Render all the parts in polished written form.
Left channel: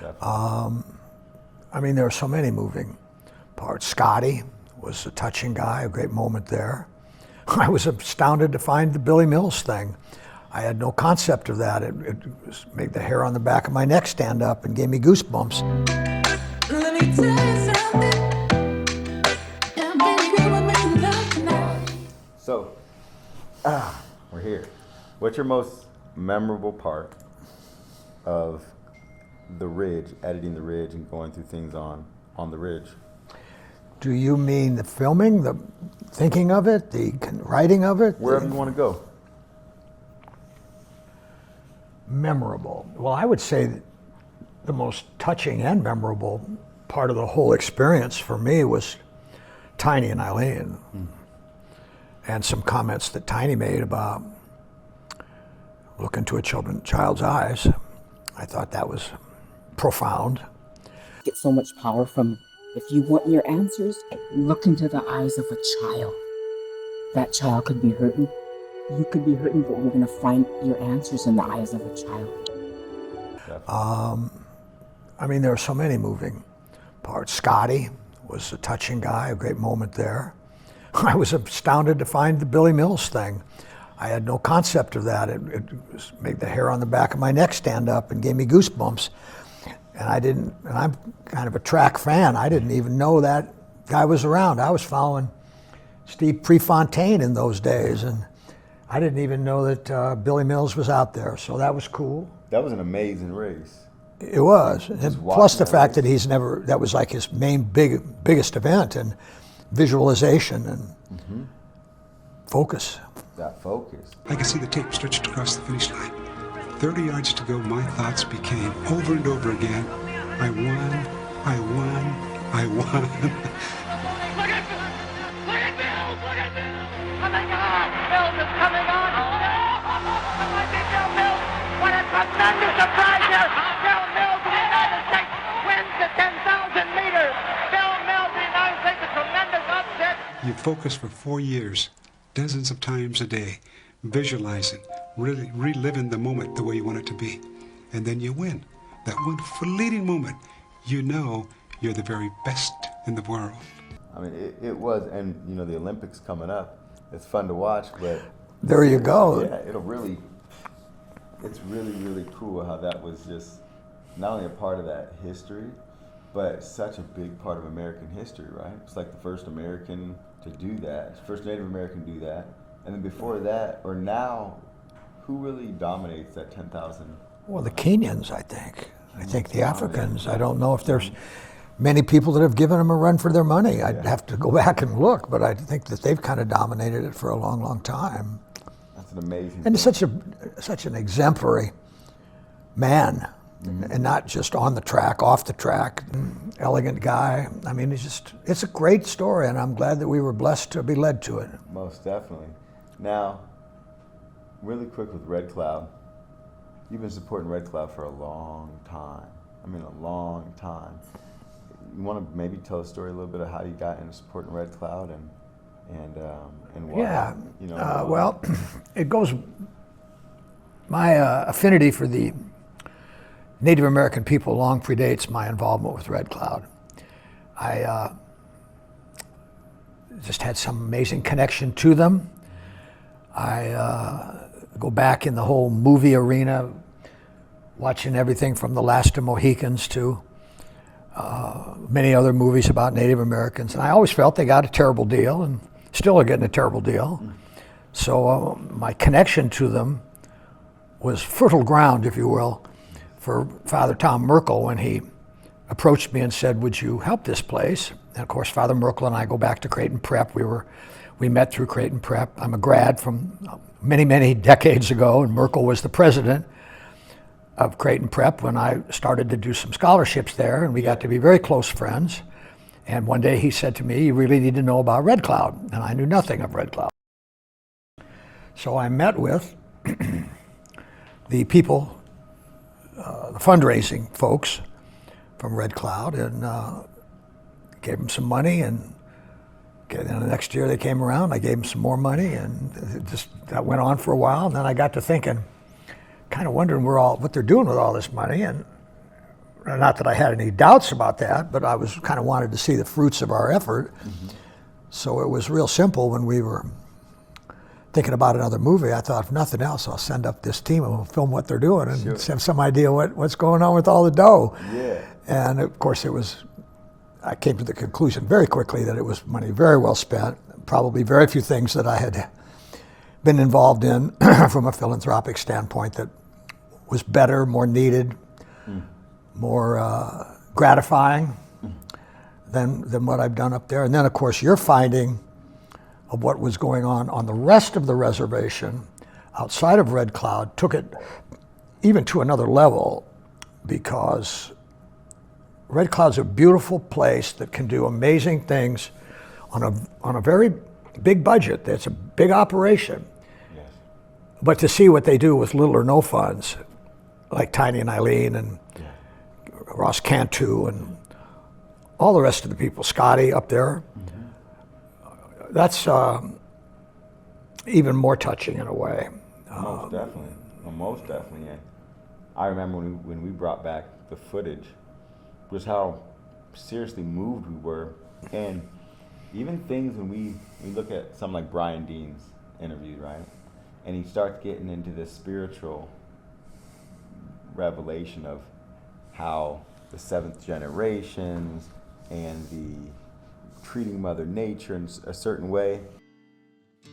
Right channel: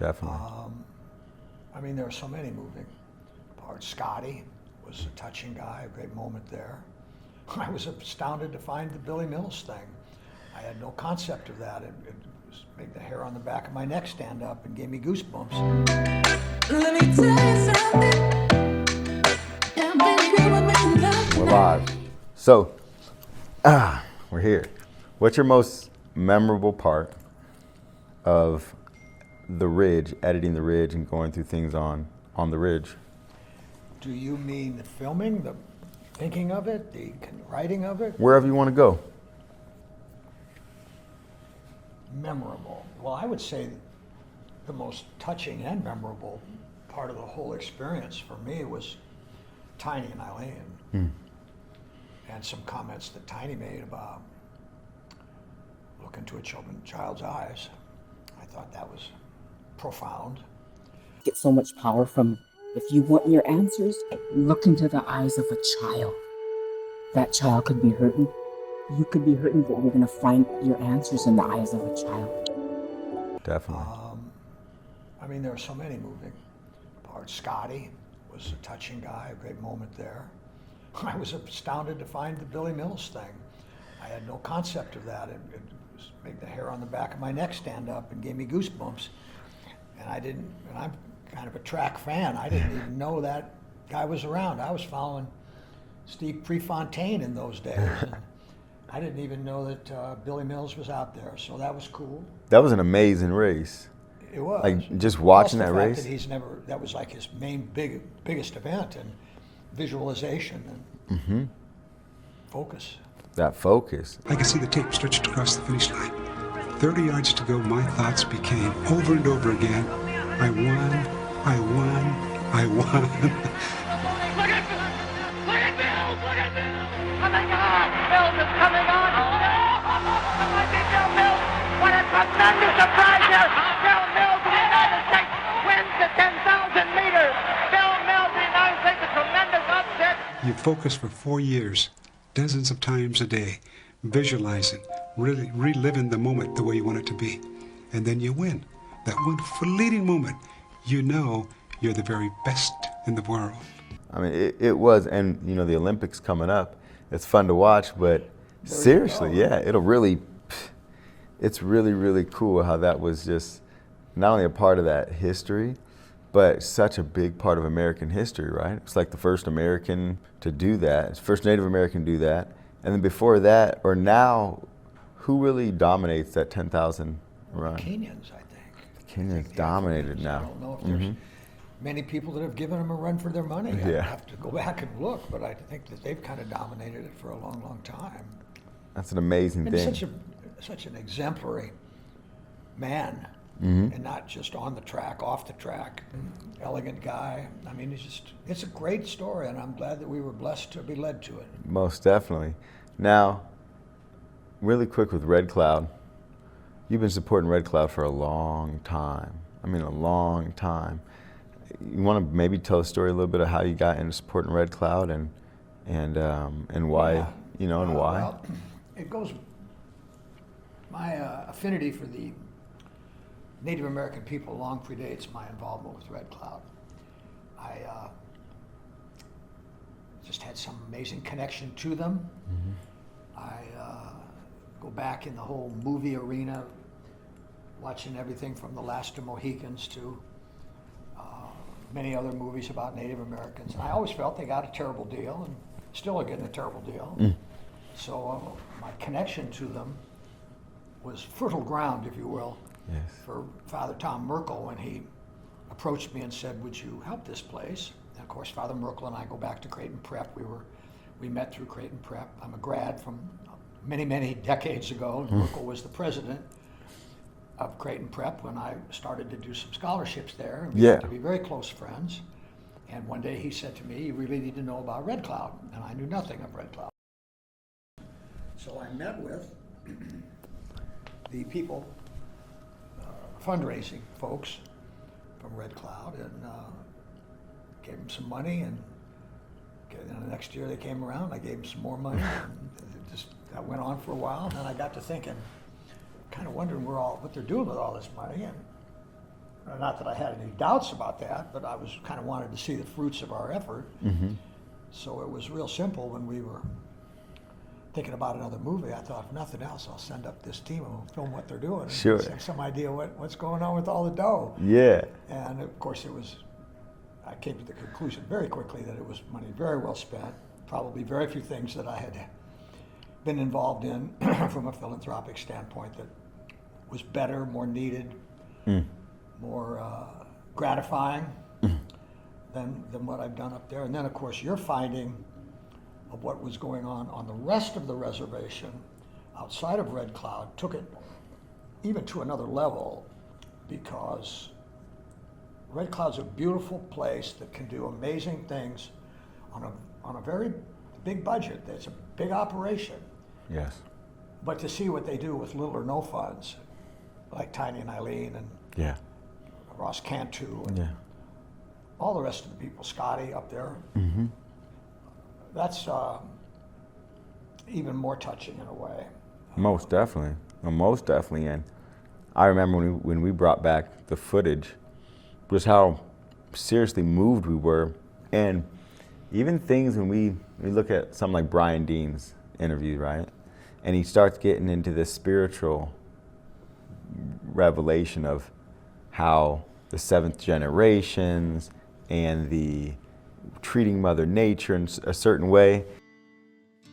Definitely. I mean, there are so many moving parts. Scotty was a touching guy, a great moment there. I was astounded to find the Billy Mills thing. I had no concept of that. It made the hair on the back of my neck stand up and gave me goosebumps. Let me tell you something. Yeah, baby, we're making love tonight. So, we're here. What's your most memorable part of the Ridge, editing the Ridge and going through things on the Ridge? Do you mean the filming, the thinking of it, the writing of it? Wherever you want to go. Memorable. Well, I would say that the most touching and memorable part of the whole experience for me was Tiny and Eileen. And some comments that Tiny made about look into a child's eyes. I thought that was profound. Get so much power from, if you want your answers, look into the eyes of a child. That child could be hurting. You could be hurting, but we're going to find your answers in the eyes of a child. Definitely. I mean, there are so many moving parts. Scotty was a touching guy, a great moment there. I was astounded to find the Billy Mills thing. I had no concept of that. It made the hair on the back of my neck stand up and gave me goosebumps. And I'm kind of a track fan. I didn't even know that guy was around. I was following Steve Prefontaine in those days, and I didn't even know that Billy Mills was out there. So that was cool. That was an amazing race. It was. Like, just and watching plus the that fact race. that that was like his main biggest event, and visualization and focus. That focus. I could see the tape stretched across the finish line. 30 yards to go, my thoughts became, over and over again, I won, I won, I won. Look at Mills! Look at Mills! Look at Mills! Coming on! Mills is coming on! It might be Bill Mills! What a tremendous surprise here! Bill Mills of the United States wins the 10,000 meters! Bill Mills of the United States, a tremendous upset! You focus for 4 years, dozens of times a day, visualizing, really reliving the moment the way you want it to be. And then you win. That one fleeting moment, you know you're the very best in the world. I mean, it was, and you know, the Olympics coming up, it's fun to watch, but There you go. seriously, yeah, it's really, really cool how that was just not only a part of that history, but such a big part of American history, right? It's like the first American to do that, first Native American to do that, and then before that, or now, who really dominates that 10,000? Well, the Kenyans, I think. I think the dominated Africans. now. I don't know if there's many people that have given them a run for their money. I'd Yeah. have to go back and look, but I think that they've kind of dominated it for a long, long time. That's an amazing And thing. such an exemplary man, and not just on the track, off the track, elegant guy. I mean, it's a great story, and I'm glad that we were blessed to be led to it. Most definitely. Now, really quick with Red Cloud. You've been supporting Red Cloud for a long time. I mean, a long time. You want to maybe tell a story a little bit of how you got into supporting Red Cloud and why? Yeah. You know, and why? Well, it goes. My affinity for the Native American people long predates my involvement with Red Cloud. I just had some amazing connection to them. I go back in the whole movie arena, watching everything from The Last of Mohicans to many other movies about Native Americans. And I always felt they got a terrible deal and still are getting a terrible deal. So my connection to them was fertile ground, if you will, for Father Tom Merkel when he approached me and said, would you help this place? And of course, Father Merkel and I go back to Creighton Prep. We met through Creighton Prep. I'm a grad from many, many decades ago, and Merkel was the president of Creighton Prep when I started to do some scholarships there, and we got to be very close friends. And one day he said to me, you really need to know about Red Cloud, and I knew nothing of Red Cloud. So I met with the people, the fundraising folks from Red Cloud, and gave them some money, and the next year they came around, I gave them some more money, and that went on for a while. And then I got to thinking, kind of wondering what they're doing with all this money, and Not that I had any doubts about that, but I was kind of wanted to see the fruits of our effort. So it was real simple when we were thinking about another movie. I thought, if nothing else, I'll send up this team and we'll film what they're doing and Sure. have some idea what's going on with all the dough. Yeah. And of course, I came to the conclusion very quickly that it was money very well spent. Probably very few things that I had been involved in from a philanthropic standpoint that was better, more needed, more gratifying than what I've done up there. And then, of course, your finding of what was going on the rest of the reservation outside of Red Cloud took it even to another level, because Red Cloud's a beautiful place that can do amazing things on a very big budget. It's a big operation. Yes. But to see what they do with little or no funds, like Tiny and Eileen and Yeah. Ross Cantu and all the rest of the people, Scotty up there, that's even more touching in a way. Most definitely. Most definitely. And I remember when we brought back the footage, was how seriously moved we were. And even things when we look at something like Brian Dean's interview, right? And he starts getting into this spiritual revelation of how the seventh generations and the treating Mother Nature in a certain way.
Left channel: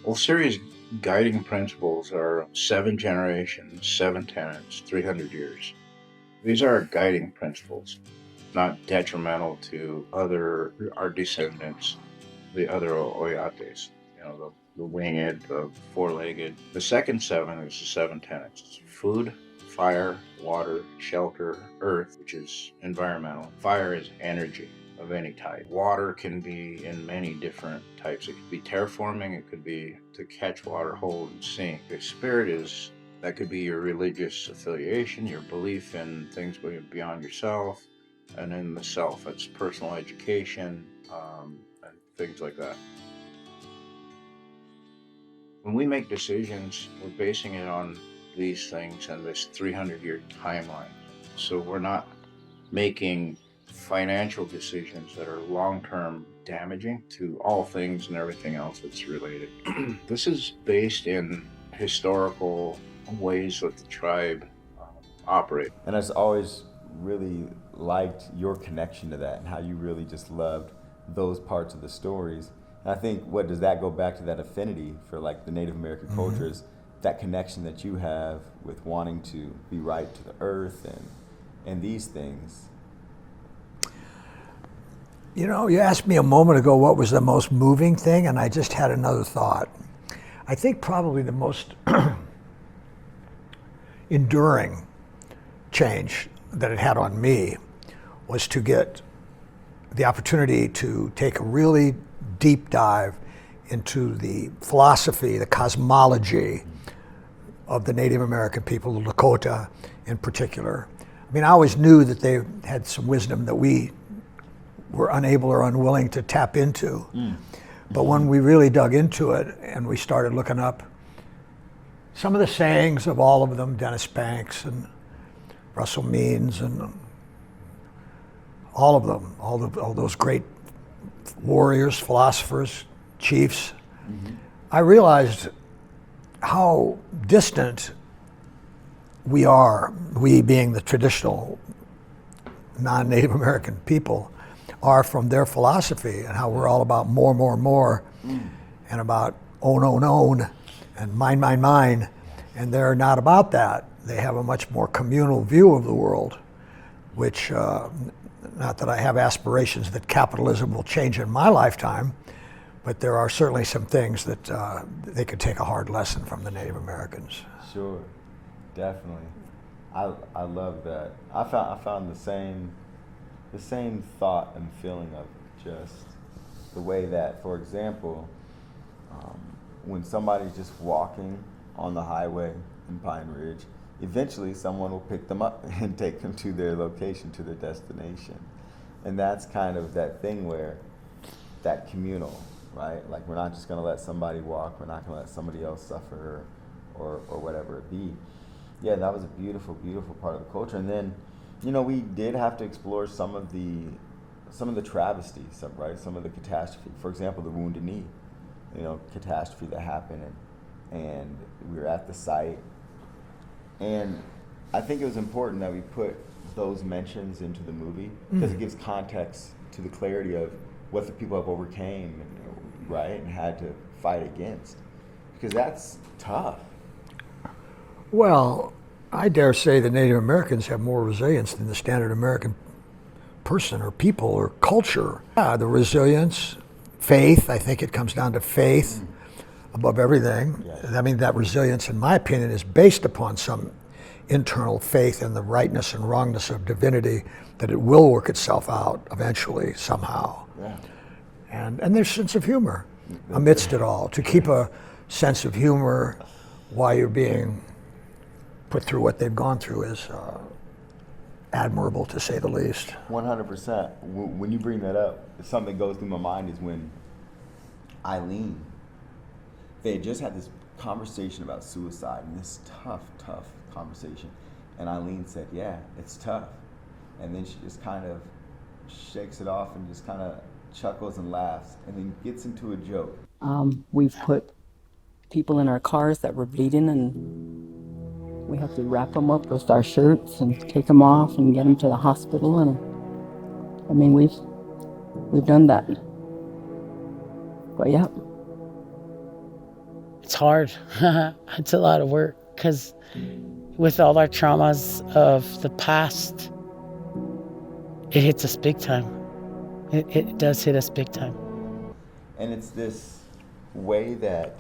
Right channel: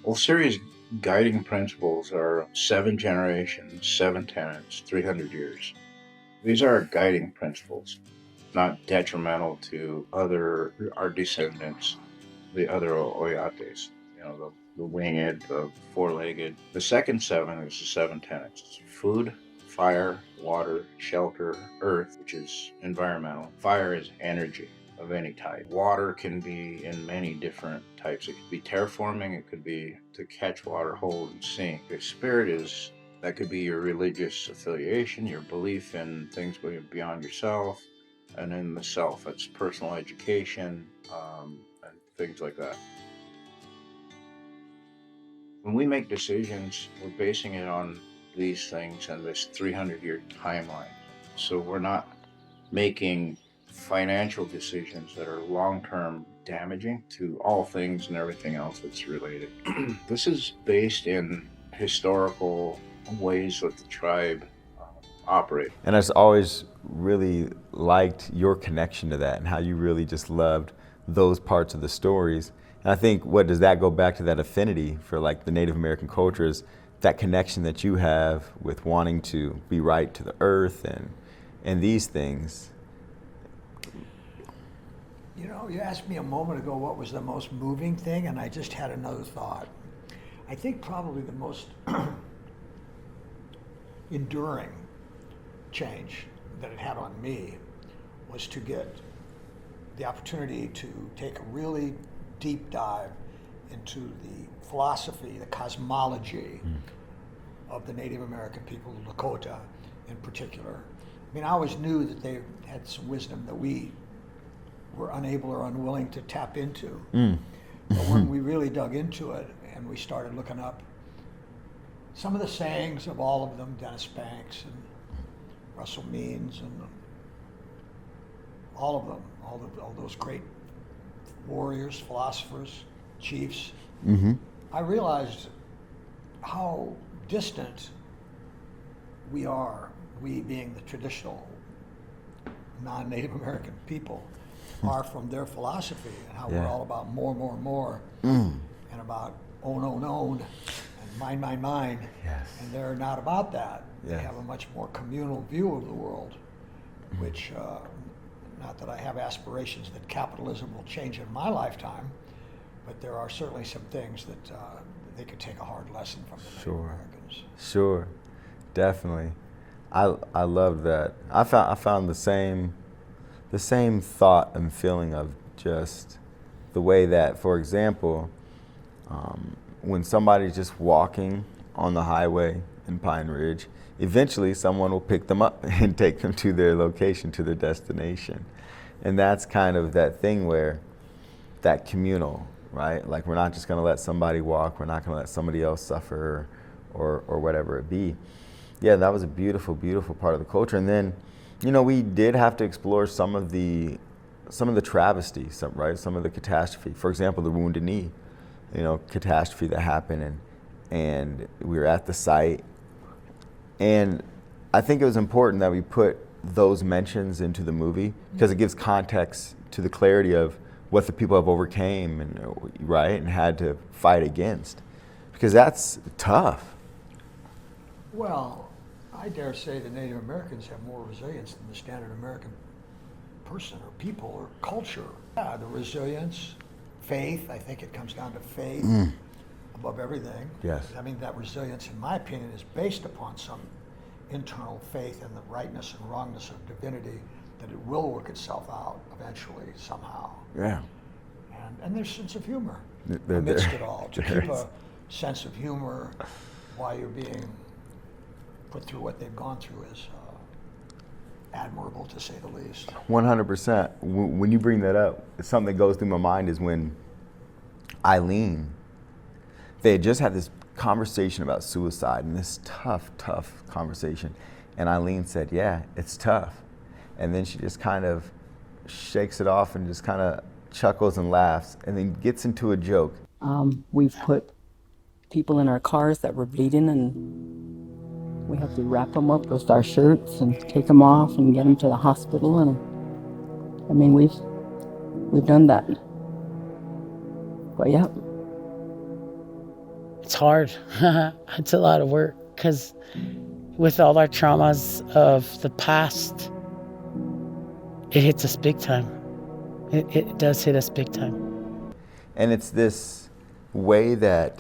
Well, Siri's guiding principles are 7 generations, 7 tenets, 300 years. These are our guiding principles, not detrimental to our descendants, the other Oyates, the winged, the four-legged. The second 7 is the 7 tenets. It's food, fire, water, shelter, earth, which is environmental. Fire is energy of any type. Water can be in many different types. It could be terraforming, it could be to catch water, hold, and sink. The spirit that could be your religious affiliation, your belief in things beyond yourself, and in the self, it's personal education, and things like that. When we make decisions, we're basing it on these things and this 300-year timeline. So we're not making financial decisions that are long-term damaging to all things and everything else that's related. This is based in historical ways that the tribe operate. And I just always really liked your connection to that and how you really just loved those parts of the stories. And I think what does that go back to, that affinity for like the Native American cultures, that connection that you have with wanting to be right to the earth and these things. You asked me a moment ago what was the most moving thing, and I just had another thought. I think probably the most enduring change that it had on me was to get the opportunity to take a really deep dive into the philosophy, the cosmology of the Native American people, the Lakota in particular. I mean, I always knew that they had some wisdom that we were unable or unwilling to tap into. But when we really dug into it and we started looking up some of the sayings of all of them, Dennis Banks and Russell Means and all of them, all those great warriors, philosophers, chiefs, I realized how distant we are, we being the traditional non-Native American people, are from their philosophy, and how we're all about more, and about own, and mine, and they're not about that. They have a much more communal view of the world, which, not that I have aspirations that capitalism will change in my lifetime, but there are certainly some things that they could take a hard lesson from the Native Americans. Sure, definitely. I love that. I found the same thought and feeling of just the way that, for example, when somebody's just walking on the highway in Pine Ridge, eventually someone will pick them up and take them to their location, to their destination. And that's kind of that thing where that communal, right? Like, we're not just gonna let somebody walk, we're not gonna let somebody else suffer or whatever it be. Yeah, that was a beautiful, beautiful part of the culture. And then You know, we did have to explore some of the travesty, some of the catastrophe. For example, the Wounded Knee, catastrophe that happened, and we were at the site. And I think it was important that we put those mentions into the movie because it gives context to the clarity of what the people have overcame and had to fight against, because that's tough. Well, I dare say the Native Americans have more resilience than the standard American person or people or culture. The resilience, faith, I think it comes down to faith above everything. Yes. I mean, that resilience, in my opinion, is based upon some internal faith in the rightness and wrongness of divinity, that it will work itself out eventually, somehow. Yeah. And there's a sense of humor amidst it all. To keep a sense of humor while you're being put through what they've gone through is admirable, to say the least. 100%. When you bring that up, it's something that goes through my mind is when Eileen, they had just had this conversation about suicide, and this tough conversation. And Eileen said, yeah, it's tough. And then she just kind of shakes it off and just kind of chuckles and laughs, and then gets into a joke. We've put people in our cars that were bleeding, and we have to wrap them up with our shirts and take them off and get them to the hospital. And I mean, we've done that. But yeah. It's hard. It's a lot of work, because with all our traumas of the past, it hits us big time. It does hit us big time. And it's this way that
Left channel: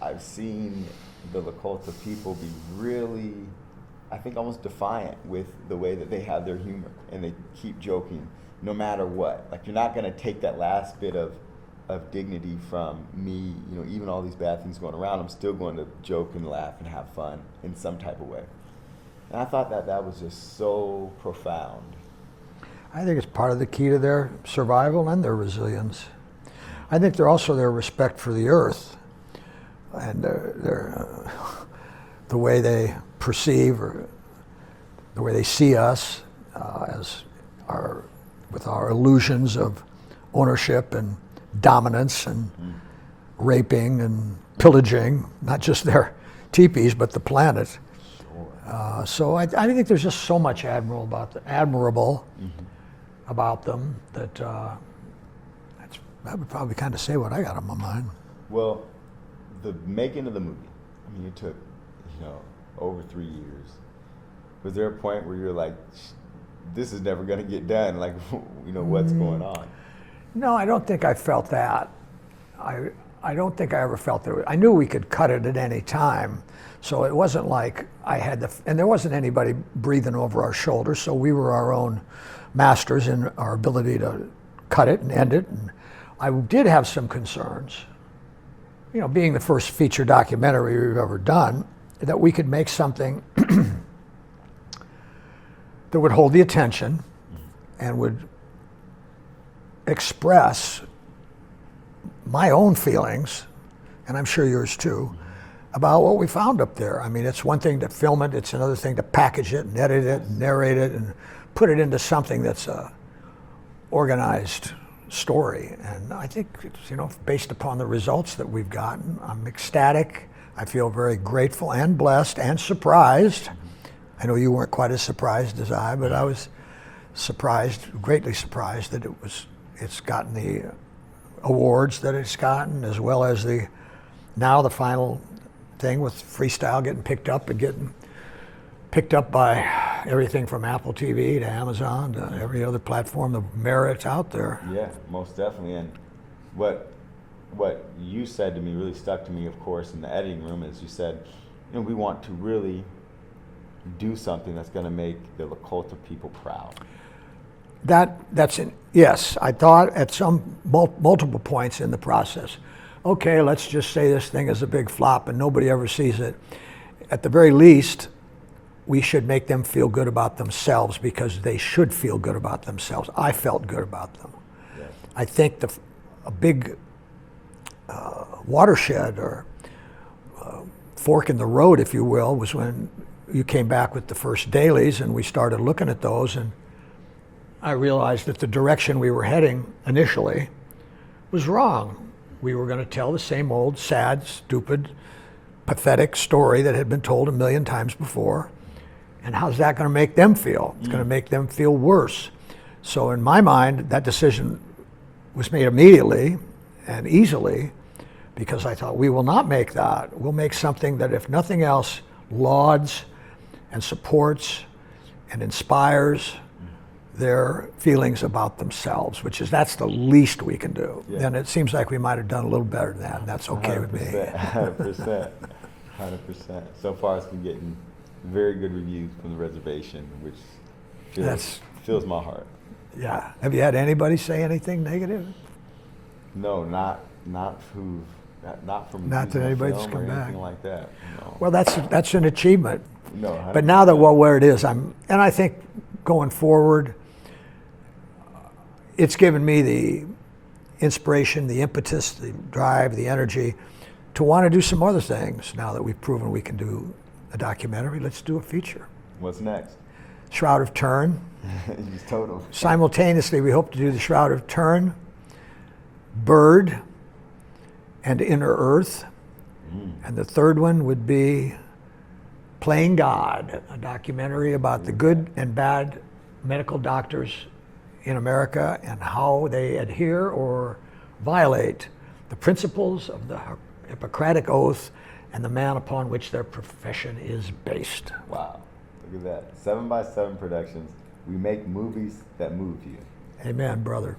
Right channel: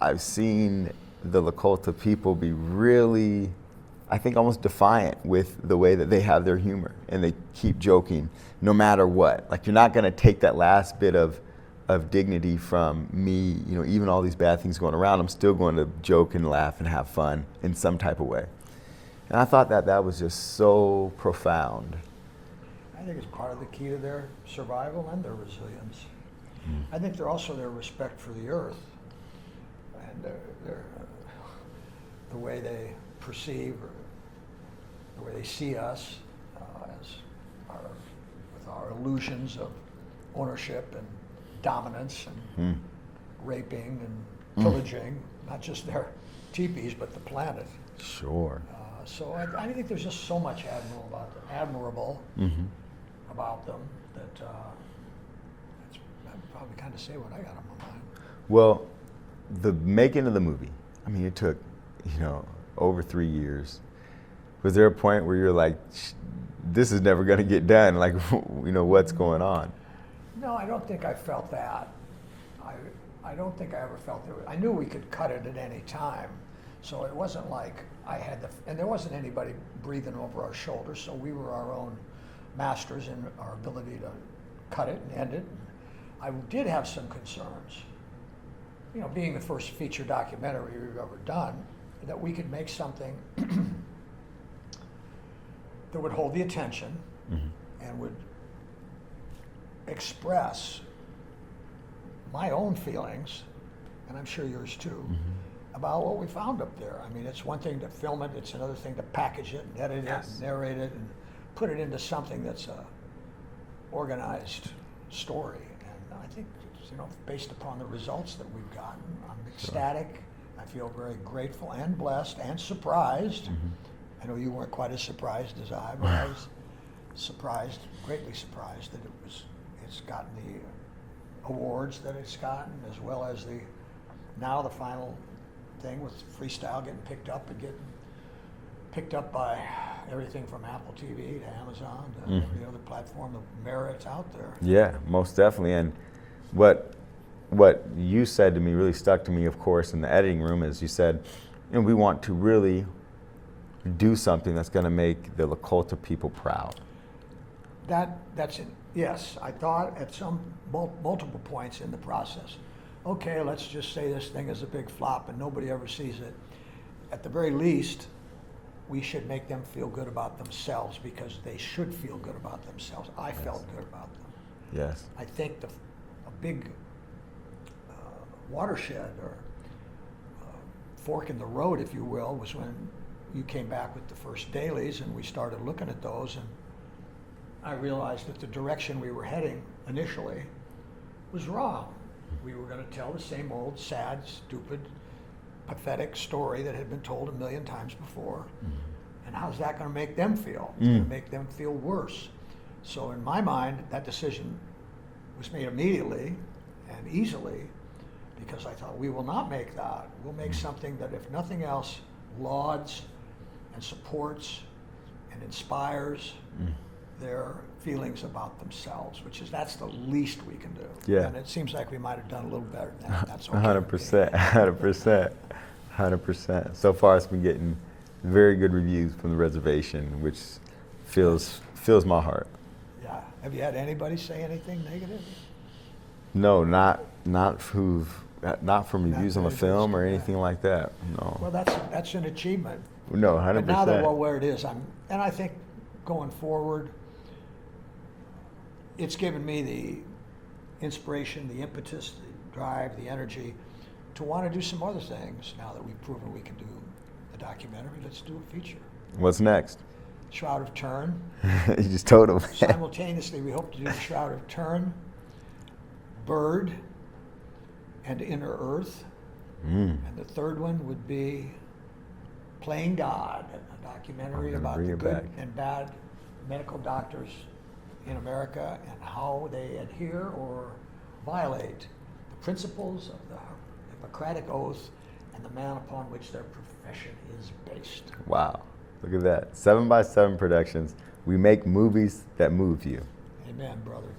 I've seen the Lakota people be really, I think, almost defiant with the way that they have their humor, and they keep joking no matter what. Like, you're not gonna take that last bit of dignity from me, even all these bad things going around, I'm still going to joke and laugh and have fun in some type of way. And I thought that was just so profound. I think it's part of the key to their survival and their resilience. I think they're also their respect for the earth and the way they perceive or the way they see us with our illusions of ownership and dominance and raping and pillaging, not just their teepees, but the planet. Sure. So I think there's just so much admirable about them that that would probably kind of say what I got on my mind. Well, the making of the movie, I mean, it took, over 3 years. Was there a point where you're like, this is never going to get done? Like, what's going on? No, I don't think I felt that. I don't think I ever felt that. I knew we could cut it at any time. So it wasn't like I had and there wasn't anybody breathing over our shoulders, so we were our own masters in our ability to cut it and end it. And I did have some concerns, being the first feature documentary we've ever done, that we could make something that would hold the attention and would express my own feelings, and I'm sure yours too, about what we found up there. I mean, it's one thing to film it, it's another thing to package it and edit it and narrate it and put it into something that's a organized story. And I think, based upon the results that we've gotten, I'm ecstatic. I feel very grateful and blessed and surprised. I know you weren't quite as surprised as I, but I was surprised, greatly surprised that it's gotten the awards that it's gotten, as well as the final thing with Freestyle getting picked up and getting picked up by everything from Apple TV to Amazon to every other platform, the merit's out there. Yeah, most definitely. And what you said to me really stuck to me, of course, in the editing room, is you said, we want to really do something that's going to make the Lakota people proud. That's it. Yes, I thought at some multiple points in the process, okay, let's just say this thing is a big flop and nobody ever sees it. At the very least, we should make them feel good about themselves, because they should feel good about themselves. I felt good about them. Yes. I think a big watershed or fork in the road, if you will, was when you came back with the first dailies, and we started looking at those, and I realized that the direction we were heading initially was wrong. We were going to tell the same old sad, stupid, pathetic story that had been told a million times before. And how's that going to make them feel? It's going to make them feel worse. So in my mind, that decision was made immediately and easily, because I thought, we will not make that. We'll make something that, if nothing else, lauds and supports and inspires their feelings about themselves, that's the least we can do. Yeah. And it seems like we might have done a little better than that. And that's okay with me. 100%. 100%. So far, it's been getting very good reviews from the reservation, which fills my heart. Yeah. Have you had anybody say anything negative? No, not from reviews on the anybody's film or come anything back. like that. No. Well, that's an achievement. No, 100%. But now that where it is, and I think going forward, it's given me the inspiration, the impetus, the drive, the energy to want to do some other things. Now that we've proven we can do a documentary, let's do a feature. What's next? Shroud of Turin. You just told him. Simultaneously, we hope to do the Shroud of Turin, Bird, and Inner Earth. And the third one would be Playing God, a documentary about the good and bad medical doctors in America and how they adhere or violate the principles of the Hippocratic Oath and the man upon which their profession is based. Wow, look at that. 7x7 Productions. We make movies that move you. Amen, brother.